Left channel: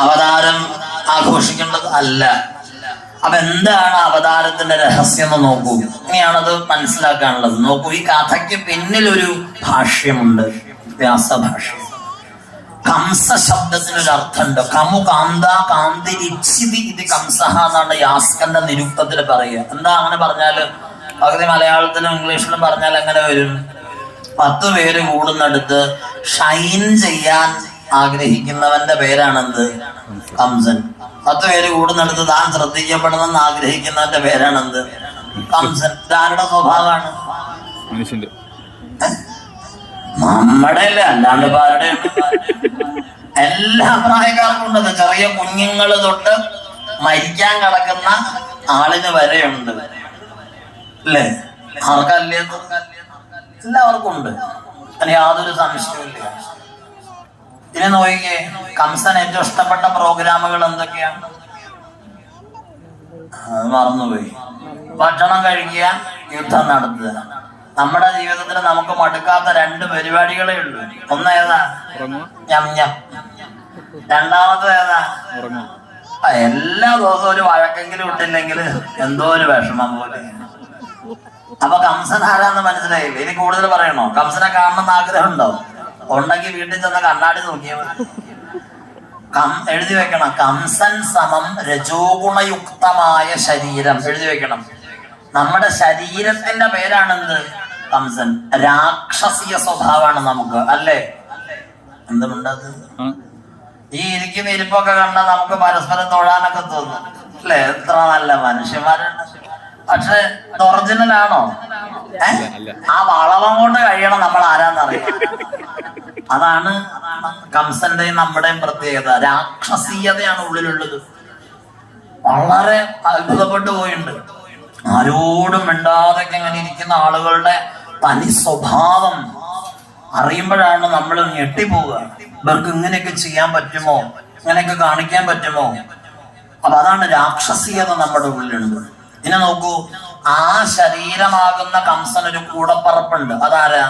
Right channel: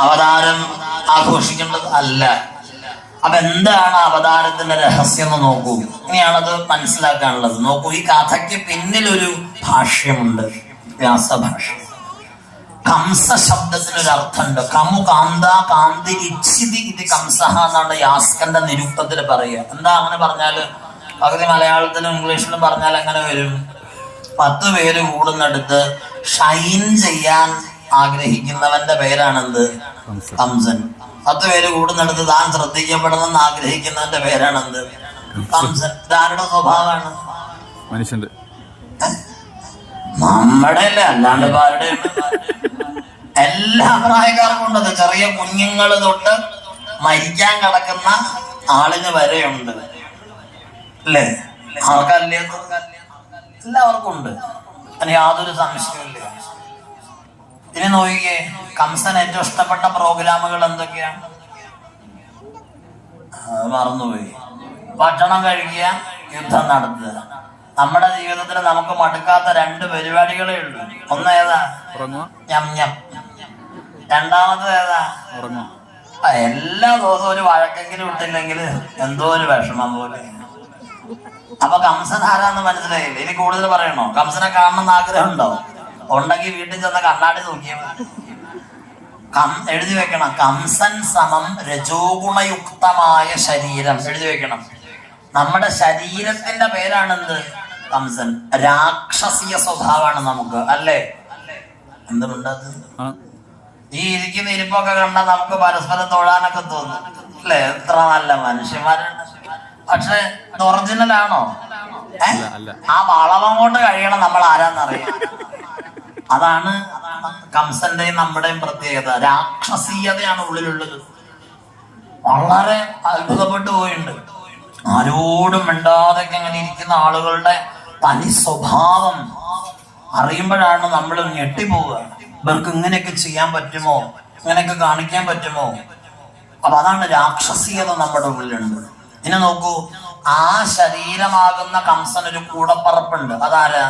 അവതാരം ആഘോഷിക്കേണ്ടത് അല്ല. അപ്പൊ എന്താണ് അവതാരത്തിന്റെ രഹസ്യം എന്ന് നോക്കൂ. ഇങ്ങനെയാണത് മനസ്സിലാക്കാനുള്ളത്. നോക്കൂ ഈ കഥയ്ക്ക് പിന്നിലൊരു ഭാഷ്യമുണ്ട്. വ്യാസഭാഷ കംസ ശബ്ദത്തിനൊരു അർത്ഥമുണ്ട് കമു കാന്ത കാന്തി ഇച്ഛിതി ഇത് കംസഹ എന്നാണ് യാസ്കന്റെ നിരുക്തത്തിൽ പറയുക. എന്താ അങ്ങനെ പറഞ്ഞാൽ? പകുതി മലയാളത്തിലും ഇംഗ്ലീഷിലും പറഞ്ഞാൽ എങ്ങനെ വരും. പത്ത് പേര് കൂടുന്നിടത്ത് ഷൈൻ ചെയ്യാൻ ആഗ്രഹിക്കുന്നവന്റെ പേരാണെന്ത്? കംസൻ പത്ത് പേര് കൂടുന്നിടത്ത് താൻ ശ്രദ്ധിക്കപ്പെടണമെന്ന് ആഗ്രഹിക്കുന്നവന്റെ പേരാണെന്ത്? കംസൻ ഇതാരുടെ സ്വഭാവമാണ്? മനുഷ്യന്റെ. നമ്മുടെ അല്ലേ അല്ലാണ്ട് പാരുടെ ആരുടെ എല്ലാ പ്രായക്കാർക്കും ഉണ്ടത് ചെറിയ കുഞ്ഞുങ്ങൾ തൊട്ട് മരിക്കാൻ കിടക്കുന്ന ആളിന് വരെയുണ്ട്. അല്ലേ? ആർക്കല്ലേ എല്ലാവർക്കും ഉണ്ട് അതിന് യാതൊരു സംശയവുമില്ല. ഇനി നോക്കിക്കേ. കംസൻ ഏറ്റവും ഇഷ്ടപ്പെട്ട പ്രോഗ്രാമുകൾ എന്തൊക്കെയാണ് മറന്നുപോയി. ഭക്ഷണം കഴിക്കുക യുദ്ധം നടത്തുക. നമ്മുടെ ജീവിതത്തിൽ നമുക്ക് മടുക്കാത്ത രണ്ട് പരിപാടികളേ ഉള്ളൂ. ഒന്ന് ഏതാ? ഞം ഞം. രണ്ടാമത് ഏതാ? എല്ലാ ദിവസവും ഒരു വഴക്കെങ്കിലും ഇട്ടില്ലെങ്കിൽ എന്തോ ഒരു വിഷമം പോലെ. അപ്പൊ കംസൻ ആരാന്ന് മനസ്സിലായില്ലേ? ഇനി കൂടുതൽ പറയണോ? കംസനെ കാണണമെന്ന് ആഗ്രഹം ഉണ്ടോ ഉണ്ടെങ്കിൽ വീട്ടിൽ ചെന്ന കണ്ണാടി നോക്കിയാൽ കം എഴുതി വെക്കണം. കംസൻ സമം രജോഗുണയുക്തമായ ശരീരം. എഴുതി വെക്കണം. നമ്മുടെ ശരീരത്തിന്റെ പേരാണെന്ത്? കംസൻ. രാക്ഷസീയ സ്വഭാവമാണ് നമുക്ക് അല്ലേ? എന്തുണ്ടത് ആണ് ഈ ഇരിക്കുന്ന ഇരിപ്പൊക്കെ കണ്ടാൽ നമുക്ക് പരസ്പരം തൊഴാനൊക്കെ തോന്നും. അല്ലേ? എത്ര നല്ല മനുഷ്യന്മാരുണ്ട്. പക്ഷെ ഒറിജിനൽ ആണോ. ആ വളവം കൊണ്ട് കഴിയണം നമ്മൾ ആരാന്നറിയാം അതാണ് കംസന്റെ നമ്മുടെയും പ്രത്യേകത. രാക്ഷസീയതയാണ് ഉള്ളിലുള്ളത്. വളരെ അത്ഭുതപ്പെട്ടു പോയിട്ടുണ്ട്. ആരോടും മിണ്ടാതെ ഇങ്ങനെ ഇരിക്കുന്ന ആളുകളുടെ തനി സ്വഭാവം അറിയുമ്പോഴാണ് നമ്മൾ ഞെട്ടിപ്പോവുക. ഇവർക്ക് ഇങ്ങനെയൊക്കെ ചെയ്യാൻ പറ്റുമോ? ഇങ്ങനെയൊക്കെ കാണിക്കാൻ പറ്റുമോ? അപ്പൊ അതാണ് രാക്ഷസീയത നമ്മുടെ ഉള്ളിലുണ്ട്. ഇനി നോക്കൂ ആ ശരീരമാകുന്ന കംസനൊരു കൂടപ്പറപ്പുണ്ട്. അതാരാ?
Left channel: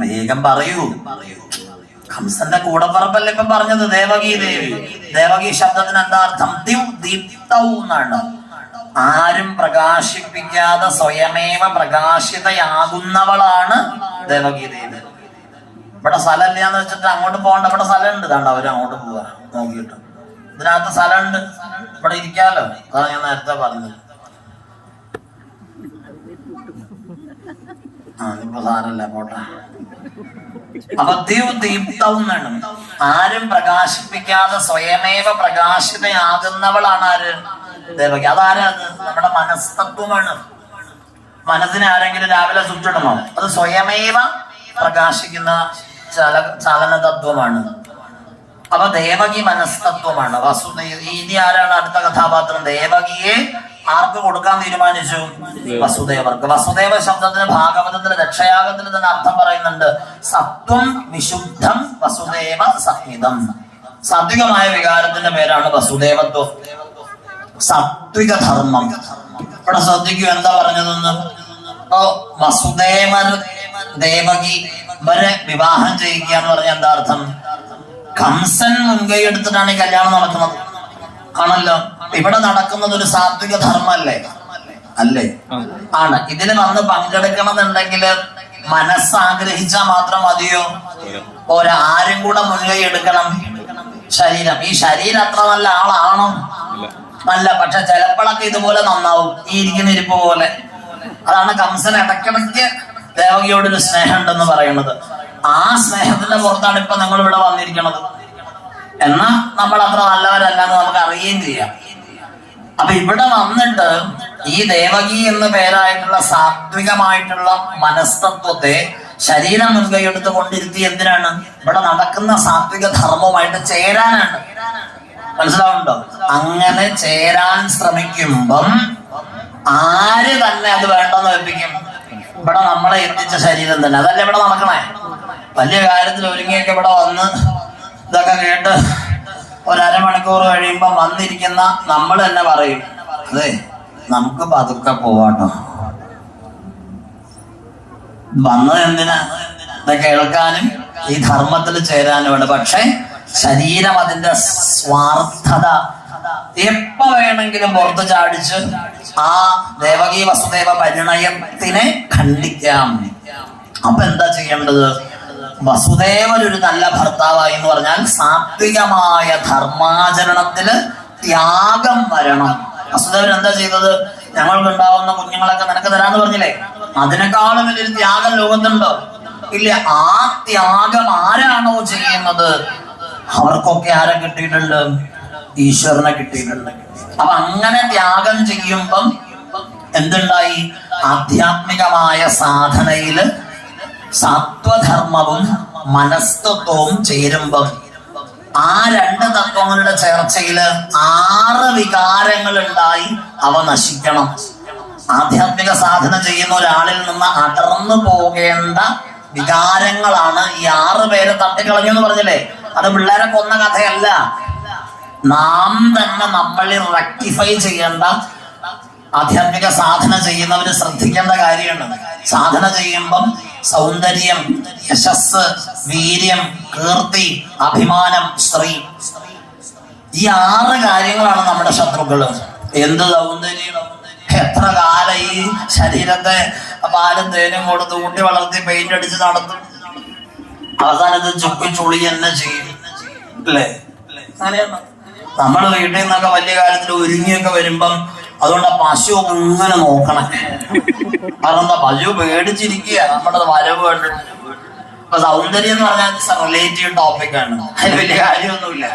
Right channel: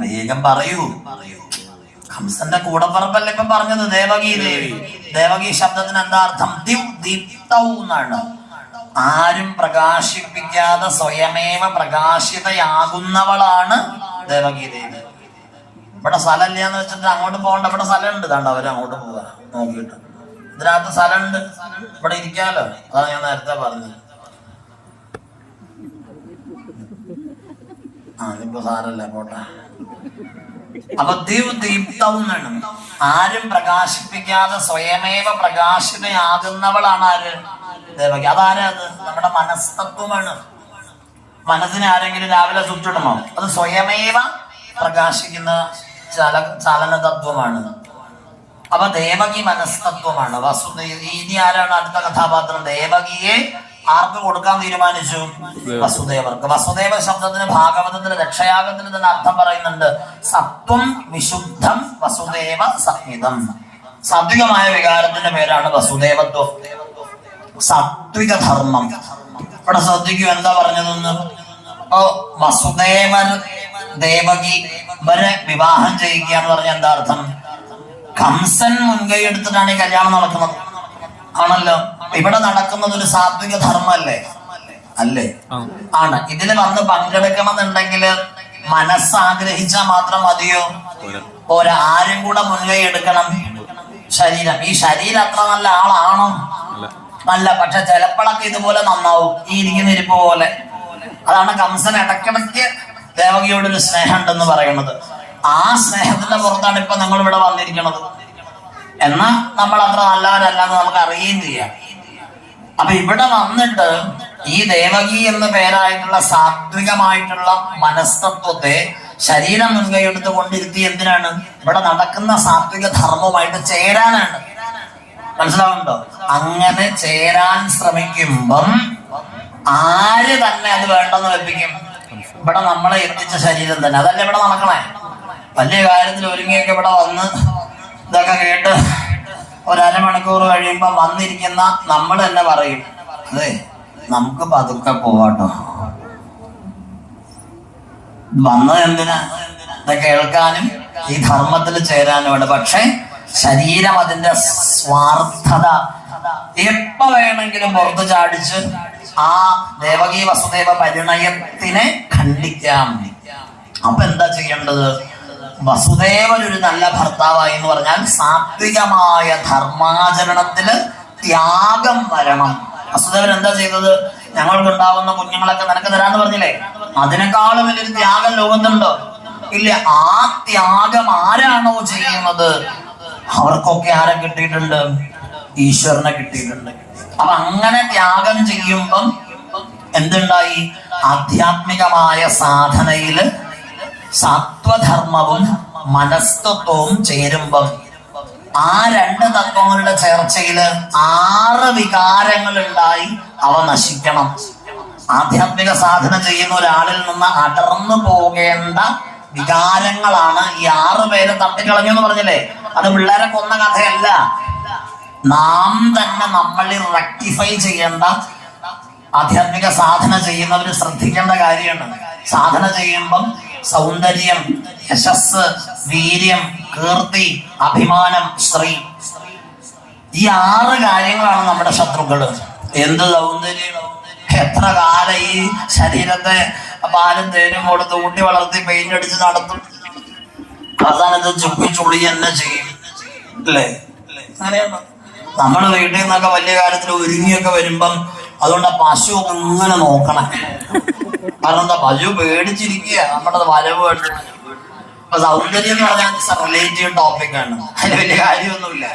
വേഗം പറയൂ. ഹംസന്റെ കൂടെ പറമ്പല്ലേ ഇപ്പൊ പറഞ്ഞത്? ദേവകി ദേവി ദേവകി ശബ്ദത്തിന് എന്താ അർത്ഥം? ദീപ്തവും ദീപ്തൗ എന്നാണ്. ആരും പ്രകാശിപ്പിക്കാതെ സ്വയമേവ പ്രകാശിതയാകുന്നവളാണ് ദേവകി ദേവി ഇവിടെ സ്ഥലമില്ല എന്ന് വെച്ചിട്ട് അങ്ങോട്ട് പോകണ്ട ഇവിടെ സ്ഥലമുണ്ട്. ഇതാണ്ട് അവർ അങ്ങോട്ട് പോവാ? നോക്കിയിട്ട്. ഇതിനകത്ത് സ്ഥലമുണ്ട്. ഇവിടെ ഇരിക്കാലോ? അതാണ് ഞാൻ നേരത്തെ പറഞ്ഞത്. ആ ഇപ്പൊ സാരല്ല പോട്ടെ. ദീപ്തം വേണം. ആരും പ്രകാശിപ്പിക്കാതെ സ്വയമേവ പ്രകാശിതയാകുന്നവളാണ് ആര്? ദേവകി. അതാരാണ് നമ്മുടെ മനസ്തത്വമാണ് മനസ്സിനെ ആരെങ്കിലും രാവിലെ ചുറ്റിടണോ അത് സ്വയമേവ പ്രകാശിക്കുന്ന ചല ചലന തത്വമാണ് അപ്പൊ ദേവകി മനസ്തത്വമാണ്. വസുദേവ ഇനി ആരാണ് അടുത്ത കഥാപാത്രം? ദേവകിയെ ആർക്ക് കൊടുക്കാൻ തീരുമാനിച്ചു? വസുദേവർക്ക്. വസുദേവ ശബ്ദത്തിന് ഭാഗവതത്തിന് രക്ഷയാഗത്തിന് തന്നെ അർത്ഥം പറയുന്നുണ്ട്. സത്വം വിശുദ്ധം വസുദേവ സഹിതം. സാത്വികമായ വികാരത്തിന്റെ പേരാണ് വസുദേവത്വം. സാത്വിക ധർമ്മം. ഇവിടെ ശ്രദ്ധിക്കൂ എന്താ പറഞ്ഞതെന്ന്? അപ്പൊ വസുദേവൻ ദേവകി ഇവരെ വിവാഹം ചെയ്യിക്കുക എന്ന് പറഞ്ഞ എന്താ അർത്ഥം? കംസൻ മുൻകൈ എടുത്തിട്ടാണ് ഈ കല്യാണം നടക്കുന്നത്. ആണല്ലോ. ഇവിടെ നടക്കുന്നത് ഒരു സാത്വിക ധർമ്മല്ലേ? അല്ലേ? ആണ്. ഇതിന് വന്ന് പങ്കെടുക്കണമെന്നുണ്ടെങ്കിൽ മനസ്സാഗ്രഹിച്ചാൽ മാത്രം മതിയോ. ഒരാരും കൂടെ മുൻകൈ എടുക്കണം. ശരീരം. ഈ ശരീരം അത്ര നല്ല ആളാണോ? നല്ല പക്ഷെ ചിലപ്പോഴൊക്കെ ഇതുപോലെ നന്നാവും. ഈ ഇരിക്കുന്ന ഇരിപ്പ് പോലെ. അതാണ് കംസൻ ഇടക്കിടയ്ക്ക് ദേവകിയോട് ഒരു സ്നേഹം ഉണ്ടെന്ന് പറയുന്നത്. ആ സ്നേഹത്തിന്റെ പുറത്താണ് ഇപ്പൊ നമ്മൾ ഇവിടെ വന്നിരിക്കുന്നത്. എന്നാ നമ്മൾ അത്ര നല്ലവരല്ലാന്ന് നമുക്ക് അറിയുകയും ചെയ്യാം. അപ്പൊ ഇവിടെ വന്നിട്ട് ഈ ദേവകി എന്ന പേരായിട്ടുള്ള സാത്വികമായിട്ടുള്ള മനസ്തത്വത്തെ ശരീരം മുൻകൈയെടുത്ത് കൊണ്ടിരുത്തി എന്തിനാണ്? ഇവിടെ നടക്കുന്ന സാത്വിക ധർമ്മമായിട്ട് ചേരാനാണ്. മനസ്സിലാവുണ്ടോ അങ്ങനെ ചേരാൻ ശ്രമിക്കുമ്പം ആര് തന്നെ അത് വേണ്ടെന്ന് വെപ്പിക്കും ഇവിടെ നമ്മളെ എത്തിച്ച ശരീരം തന്നെ. അതല്ലേ ഇവിടെ നടക്കണേ? വലിയ കാര്യത്തിൽ ഒരുങ്ങിയൊക്കെ ഇവിടെ വന്ന് ഇതൊക്കെ കേട്ട് ഒരു അരമണിക്കൂർ കഴിയുമ്പോ വന്നിരിക്കുന്ന നമ്മൾ തന്നെ പറയും അതെ നമുക്ക് പതുക്കെ പോവാട്ടോ. വന്നത് എന്തിനാ? ഇത് കേൾക്കാനും ഈ ധർമ്മത്തിൽ ചേരാനും ഉണ്ട് പക്ഷെ ശരീരം അതിന്റെ സ്വാർത്ഥത എപ്പ വേണമെങ്കിലും പുറത്തു ചാടിച്ച് ആ ദേവകീ വസുദേവ പരിണയത്തിനെ ഖണ്ഡിക്കാം. അപ്പൊ എന്താ ചെയ്യേണ്ടത്? വസുദേവൻ ഒരു നല്ല ഭർത്താവായി എന്ന് പറഞ്ഞാൽ സാത്വികമായ ധർമാചരണത്തിൽ ത്യാഗം വരണം. വസുദേവൻ എന്താ ചെയ്തത്? ഞങ്ങൾക്കുണ്ടാവുന്ന കുഞ്ഞുങ്ങളൊക്കെ നിനക്ക് തരാന്ന് പറഞ്ഞില്ലേ? അതിനേക്കാളും വലിയൊരു ത്യാഗം ലോകത്തുണ്ടോ. ഇല്ല ആ ത്യാഗം ആരാണോ ചെയ്യുന്നത്? അവർക്കൊക്കെ ആരെ കിട്ടിയിട്ടുണ്ട്? ഈശ്വരനെ കിട്ടിയിട്ടുണ്ട്. അപ്പൊ അങ്ങനെ ത്യാഗം ചെയ്യുമ്പം എന്തുണ്ടായി? ആധ്യാത്മികമായ സാധനയിൽ സത്വധർമ്മവും മനസ്തത്വവും ചേരുമ്പം ആ രണ്ട് തത്വങ്ങളുടെ ചേർച്ചയിൽ ആറ് വികാരങ്ങൾ ഉണ്ടായി അവ നശിക്കണം. ആധ്യാത്മിക സാധന ചെയ്യുന്ന ഒരാളിൽ നിന്ന് അടർന്നു പോകേണ്ട വികാരങ്ങളാണ് ഈ ആറ് പേരെ തട്ടിക്കളഞ്ഞു എന്ന് പറഞ്ഞില്ലേ? അത് പിള്ളേരെ കൊന്ന കഥയല്ല. നാം തന്നെ നമ്മളിൽ റെക്ടിഫൈ ചെയ്യേണ്ട ആധ്യാത്മിക സാധന ചെയ്യുന്നവര് ശ്രദ്ധിക്കേണ്ട കാര്യമാണ്. സാധന ചെയ്യുമ്പം സൗന്ദര്യം യശസ് വീര്യം കീർത്തി അഭിമാനം സ്ത്രീ. ഈ ആറ് കാര്യങ്ങളാണ് നമ്മുടെ ശത്രുക്കൾ. എന്ത് സൗന്ദര്യം? എത്ര കാല ഈ ശരീരത്തെ പാലും തേനും കൊടുത്ത് ഊട്ടി വളർത്തി പെയിന്റ് അടിച്ച് നടത്തും? അവസാനത്ത് ചുപ്പി ചുളി തന്നെ ചെയ്യും. അല്ലേ? അങ്ങനെയാണ് നമ്മൾ വീട്ടിൽ നിന്നൊക്കെ വലിയ കാര്യത്തിൽ ഒരുങ്ങിയൊക്കെ വരുമ്പം അതുകൊണ്ട് പശു ഇങ്ങനെ നോക്കണം. എന്താ പശു പേടിച്ചിരിക്കുക. നമ്മുടെ വരവ് ഇപ്പൊ സൗന്ദര്യം എന്ന് പറഞ്ഞാൽ റിലേറ്റീവ് ടോപ്പിക്കാണ് അതിന് വലിയ കാര്യമൊന്നുമില്ല.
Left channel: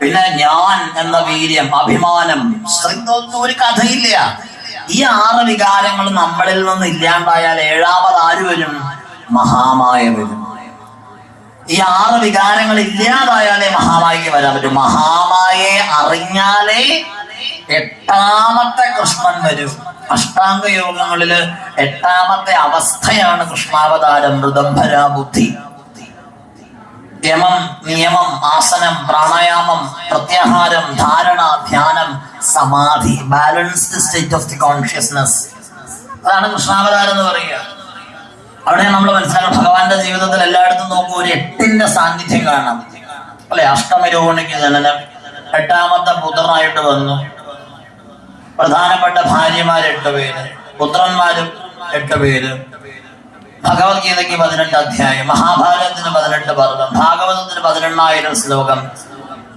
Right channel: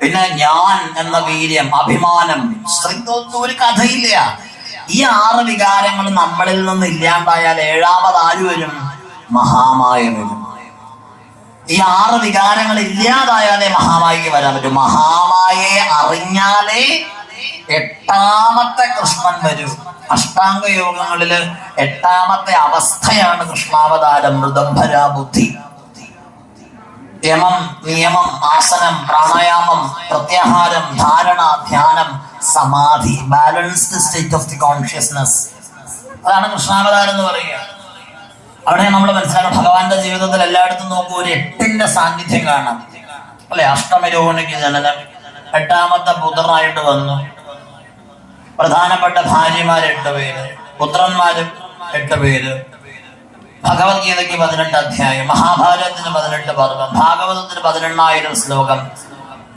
പിന്നെ ഞാൻ എന്ന വീര്യം അഭിമാനം സ്ത്രീത്വത്തിന് ഒരു കഥയില്ല. ഈ ആറ് വികാരങ്ങൾ നമ്മളിൽ നിന്ന് ഇല്ലാണ്ടായാൽ ഏഴാമത് ആര് വരും? മഹാമായ വരും. ഈ ആറ് വികാരങ്ങൾ ഇല്ലാതായാലേ മഹാമായിക്ക് വരാൻ പറ്റും. മഹാമായെ അറിഞ്ഞാലേ എട്ടാമത്തെ കൃഷ്ണൻ വരൂ. അഷ്ടാംഗ യോഗങ്ങളിൽ എട്ടാമത്തെ അവസ്ഥയാണ് കൃഷ്ണാവതാരം മൃദംഭര ബുദ്ധി യമം നിയമം ആസനം പ്രാണായാമം പ്രത്യാഹാരം ധാരണ ധ്യാനം സമാധി balanced state of the consciousness അതാണ് കൃഷ്ണാവതാരം എന്ന് പറയുക. അവിടെ നമ്മൾ മനസ്സിലാക്കണം ഭഗവാന്റെ ജീവിതത്തിൽ എല്ലായിടത്തും നോക്കൂ ഒരു എട്ടിന്റെ സാന്നിധ്യം കാണാം. അല്ലെ? അഷ്ടമരോണിക്ക് ജനനം. എട്ടാമത്തെ പുത്രനായിട്ട് വന്നു. പ്രധാനപ്പെട്ട ഭാര്യമാർ എട്ട് പേര് പുത്രന്മാരും എട്ട് പേര്. ഭഗവത്ഗീതയ്ക്ക് പതിനെട്ട് അധ്യായം മഹാഭാരതത്തിന് പതിനെട്ട് പർവം ഭാഗവതത്തിന് പതിനെണ്ണായിരം ശ്ലോകം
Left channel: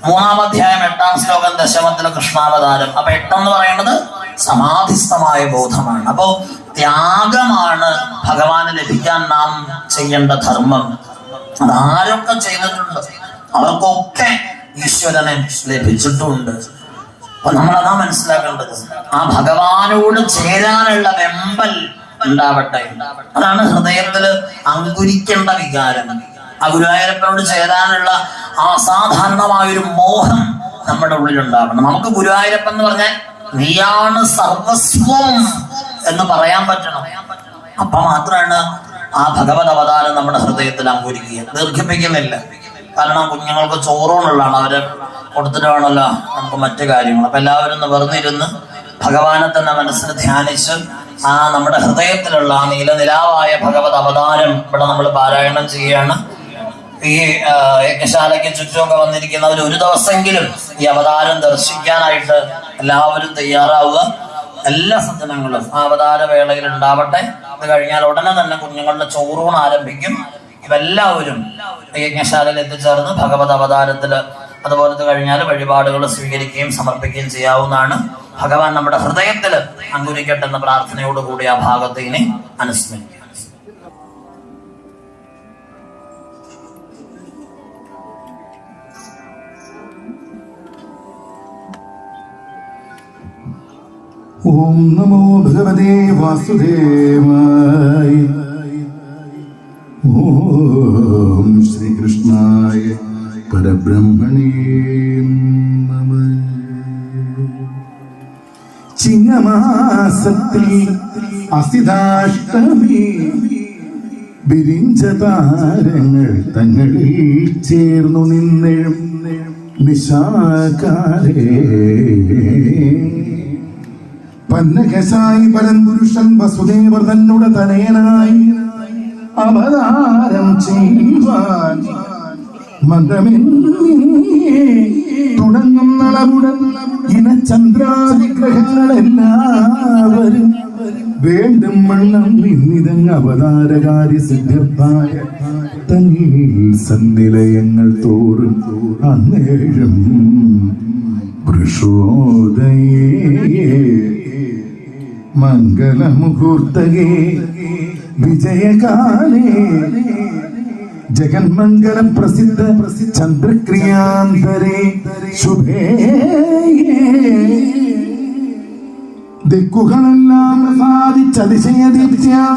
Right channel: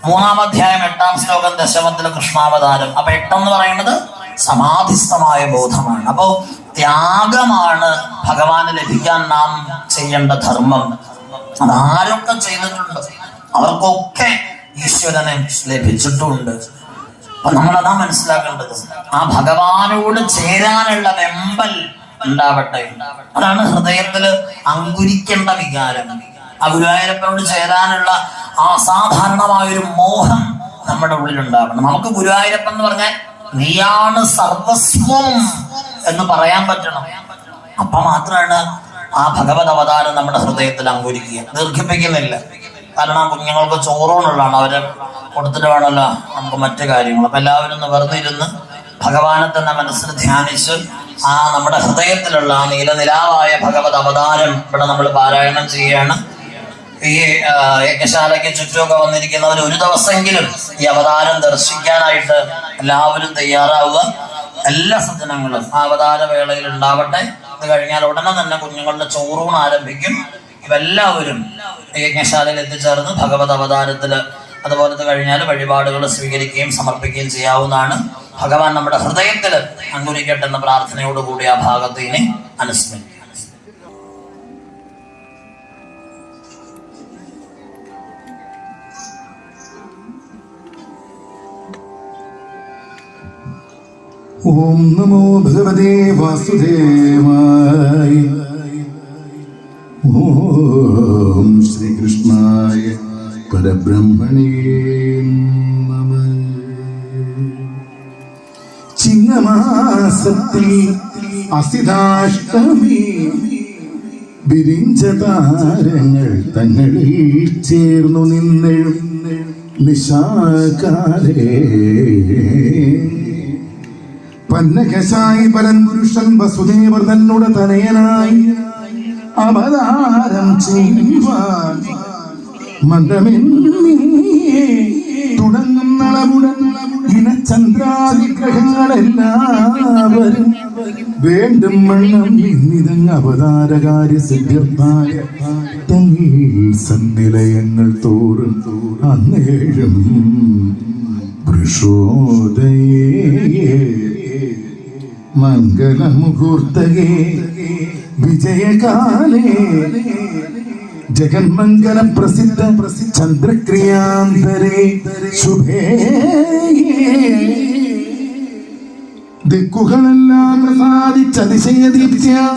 മൂന്നാം അധ്യായം എട്ടാം ശ്ലോകം ദശമത്തിലെ കൃഷ്ണാവതാരം. അപ്പൊ എട്ടെന്ന് പറയുന്നത് സമാധിസ്ഥമായ ബോധമാണ്. അപ്പോ ത്യാഗമാണ് ഭഗവാന് ലഭിക്കാൻ നാം ചെയ്യേണ്ട ധർമ്മം. അതാരൊക്കെ ചെയ്തിട്ടുണ്ട്? അവർക്കൊക്കെ ഈശ്വരനെ ലഭിച്ചിട്ടുണ്ട്. അപ്പൊ നമ്മളതാ മനസ്സിലാക്കേണ്ടത്. ആ ഭഗവാനോട് ചേരാനുള്ള വെമ്പൽ ഉണ്ടാവട്ടെ. അതാണ് ഹൃദയത്തിൽ അങ്കുരിക്കേണ്ട വികാരം. ആ ഗുരുവായൂരപ്പനോട് ചേരാനുള്ള അസാധാരണമായൊരു മോഹം നമ്മുടെ ഉള്ളിൽ ഉണ്ടാവണം. നമുക്ക് ഗുരുവായൂരപ്പൻ എന്ന് പറഞ്ഞാൽ നീയാണ് സർവസ്വം എന്ന് പറയാൻ പറ്റണം. അപ്പൊ മാത്രമാണ് ആ ഭഗവത് അവതാരം നമ്മുടെ ഹൃദയത്തിൽ അങ്കുരിക്കുക. ദീർഘിപ്പിക്കുന്നില്ല. കാരണം കുഞ്ഞുങ്ങൾക്ക് ചോറൂണുള്ളതാണ് അവരെ കൊടുത്തിട്ട് വേണമല്ലോ നമുക്ക് മറ്റു കാര്യങ്ങൾ. അപ്പൊ എല്ലാവരും ഒന്ന് വെറുതെ ഭഗവാനെ തന്നെ മനസ്സിൽ ധ്യാനിച്ച് ആ നമ്മുടെ ഹൃദയത്തിലുള്ള ആ നീലനിലാവായ ഭഗവത് അവതാരം ഇവിടെ നമ്മൾ പാരായണം ചെയ്യുകയാണ്. ഈ യജ്ഞശാലയ്ക്ക് ചുറ്റുമൊക്കെ വന്നിരിക്കുന്നവർ ഒരു ദിവസമെങ്കിലും ഈ അവതാരം ദർശിക്കാനായിട്ട് എല്ലാവരും തയ്യാറാവുക. എല്ലാ സജ്ജനങ്ങളും ആ അവതാര വേളയിൽ ഉണ്ടാവട്ടെ. അത് കഴിഞ്ഞാൽ ഉടനെ തന്നെ കുഞ്ഞുങ്ങളുടെ ചോറൂണ് ആരംഭിക്കും. ഇവെല്ലാവരും യജ്ഞശാലയിൽ എത്തിച്ചേർന്ന് ഭഗവത് അവതാരത്തിൽ അതുപോലത്തെ കഴിഞ്ഞാൽ വഴിപാടുകൾ സ്വീകരിക്കുകയും സമർപ്പിക്കുകയും ചെയ്യാവുന്നതാണ്. ഭഗവാൻ നമ്മുടെ ഹൃദയത്തിൽ അങ്കുരിക്കട്ടെ എന്ന പ്രാർത്ഥനയോടുകൂടി ആ ഭാഗത്ത് ഇനി അനുസ്മരിക്കും. ഓം നമോ ഭഗവതേ വാസുദേവായ ഓം ശ്രീകൃഷ്ണായ പരബ്രഹ്മണേ നമ. ചിങ്ങമാസത്തിൽ അസിതാഷ്ടമി വിരിഞ്ച താരങ്ങൾ തങ്ങളിൽ ചേർന്നു നിന്നെഴും നിശാകാരേ. പന്നകശായി പരൻപുരുഷൻ വസുദേവർ തന്നോട് തനയനായി അവതാരം ചെയ്യുവാൻ മന്ദമെന്നീ തുടങ്ങും നളമുടൻ ഇനചന്ദ്രാദിഗ്രഹങ്ങളെല്ലാവരും വേണ്ടും വണ്ണം ഇന്നിതങ് അവതാരകാര്യ സിദ്ധ്യർത്ഥായ തങ്ങിൽ സന്നിലയങ്ങൾ തോറും അന്നേഴും വൃഷോദയേ മംഗളമുഹൂർത്തകേ വിജയകാലേ. ജഗന്മംഗലം പ്രസിദ്ധ ചന്ദ്രക്രിയാന്തരേ. ശുഭേ. ദിക്കുകളെല്ലാം പ്രസാദിച്ചതിശയദീപ്യ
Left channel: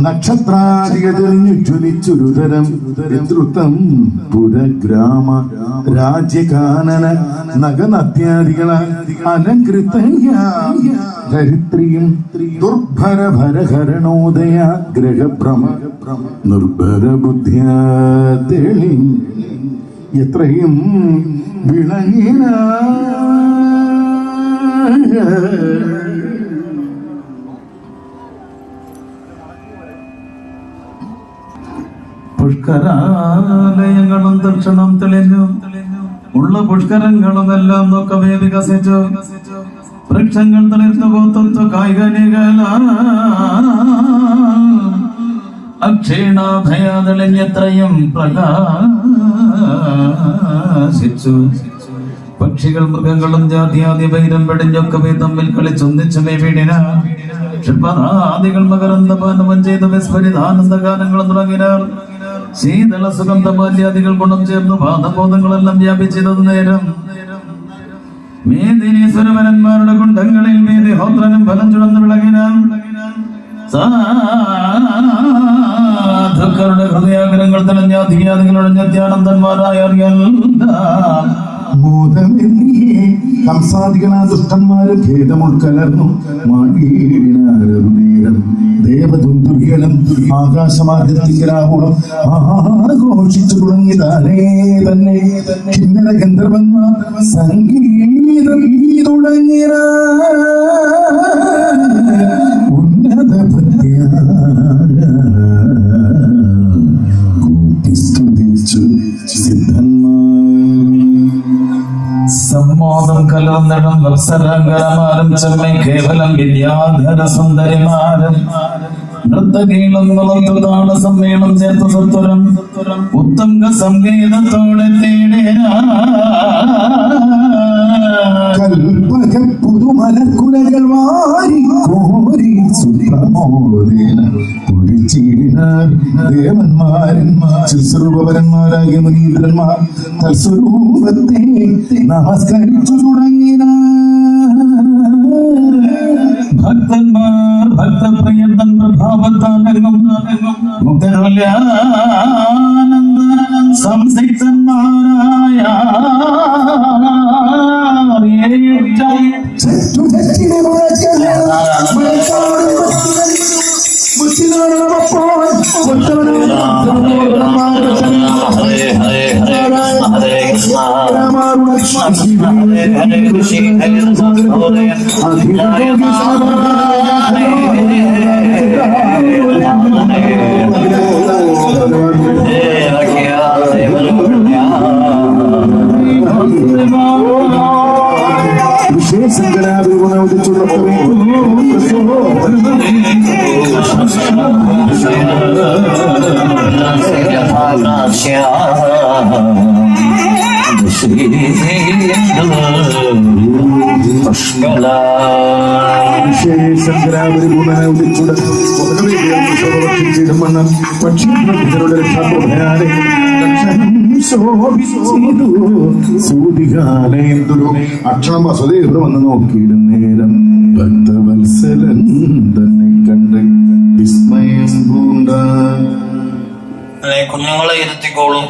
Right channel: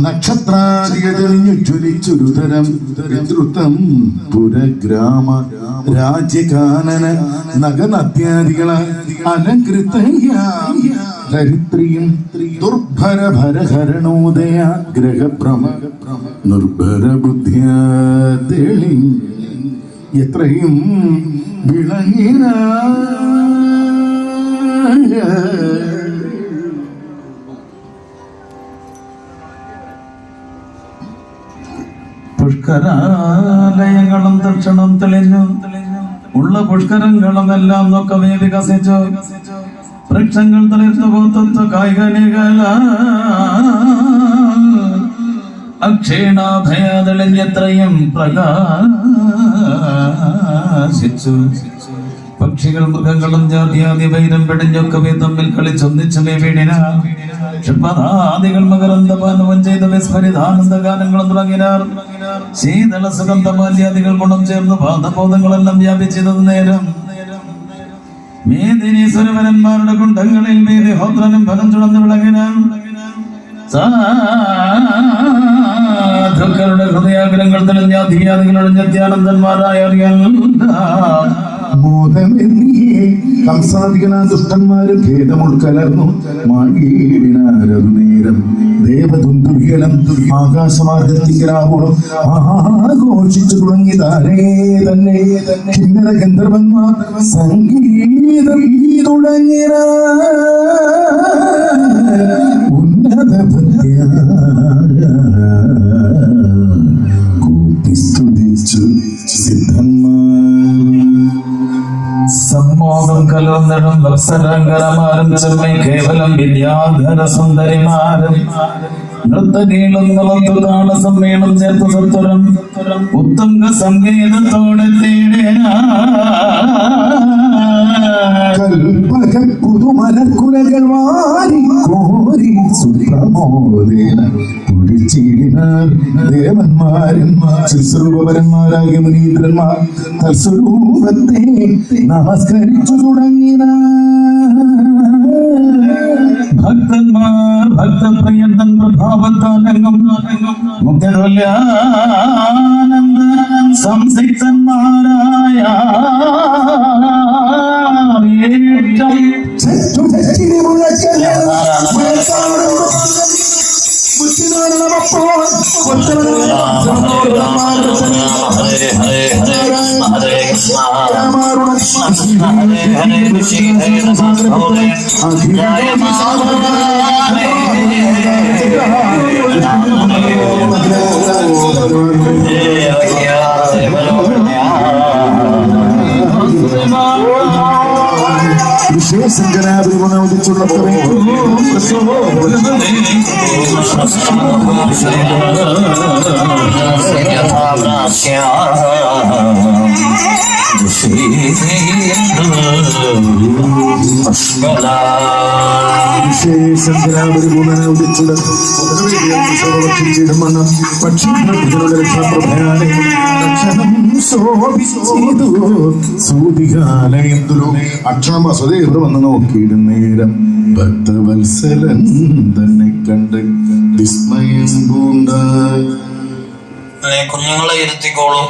നക്ഷത്രാദികതെളിഞ്ഞു ജ്വലിച്ചുരുതരം. ഋതൃത്വം പുരഗ്രാമ. രാജ്യകാനന. നഗനത്യാദികളാൽ അലങ്കൃതയാം. ധരിത്രിയും ദുർഭര ഭരഹരണോദയാഗ്രഹഭ്രമ നിർഭര ബുദ്ധ്യാ തെളി എത്രയും വിളങ്ങിന പുഷ്കരാലയങ്ങളും ദക്ഷിണം തെളിഞ്ഞു. ഉള്ള പുഷ്കരങ്ങളും എല്ലാം നോക്കവേ വികസിച്ചു. വൃക്ഷങ്ങൾ തളിർന്നു പോത്തു കായികനികള അക്ഷീണാഭയാതെളിഞ്ഞെത്രയും പ്രകാശിച്ചു. പക്ഷികൾ മൃഗങ്ങളും ജാതിയാതി വൈരം പെടിഞ്ഞൊക്കെ തമ്മിൽ കളിച്ചൊന്നിച്ചു വീടിന. ക്ഷുപ്പനാദികൾ മകരന്തപാനവും ചെയ്ത വിസ്മരിതാനന്ദ ഗാനങ്ങളും തുടങ്ങിനാൽ. ശീതള സുഗന്ധമാല്യാദികൾ ഗുണം ചേർന്ന് പാദബോധങ്ങളെല്ലാം വ്യാപിച്ചത് നേരം. മേദിനി സുരവരന്മാരുടെ കുണ്ടങ്ങളിൽ മേതി ഹോത്രനും ഫലം ചുടന്ന് വിളങ്ങിനാം. സാധുക്കളുടെ ഹൃദയാഗ്രഹങ്ങൾ തെളിഞ്ഞ മോദമെന്നിയേ കംസാദികളാ ദുഷ്ടന്മാരും ഭേദം ഉൾക്കലർന്നു മാകീടിനാരതു നേരം ദേവദുന്ദുർഗലം ആകാശമാർഗത്തിങ്കലാവോളം ആഘോഷിച്ചു തുടങ്ങി താനേ തന്നെ. കിന്നര ഗന്ധർവന്മാർ സംഗീതം തുടങ്ങിയ വത്സരങ്കരമാരും ചെമ്മൈ കേവലം വിദ്യാധര സുന്ദരിമാരും. നൃത്തകീളം നുളത്തു താള സമ്മേളം ചേർത്ത് സത്വരം. ഉത്തംഗ സംഗീതത്തോടെ കൽപ്പക പുതുമലക്കുലകൾ വാരി കോരി സുപ്രമോദേന ദേവന്മാരും ശുശ്രൂപരന്മാരായ മുനീന്ദ്രന്മാർ തൽസ്വരൂപത്തെ നമസ്കരിച്ചു തുടങ്ങിനാർ ഭക്തന്മാർ ഭക്തപ്രിയന്തൻ പ്രഭാവത്താലംഗം മുക്തരുല്യാനന്ദ സംസിക്തന്മാരായ Hello. മണ്ണം പക്ഷികളുടെ രക്ഷാപ്രഭയാലെ സൂതികാലയന്തുലോ അക്ഷണം വസുതേ ഇവിടെ വന്ന് നോക്കിയിടും നേരം ഭക്തവത്സലൻ തന്നെ കണ്ട് വിസ്മയം പൂണ്ട കുഞ്ഞുങ്ങളെ ഇരുത്തിക്കോളൂ.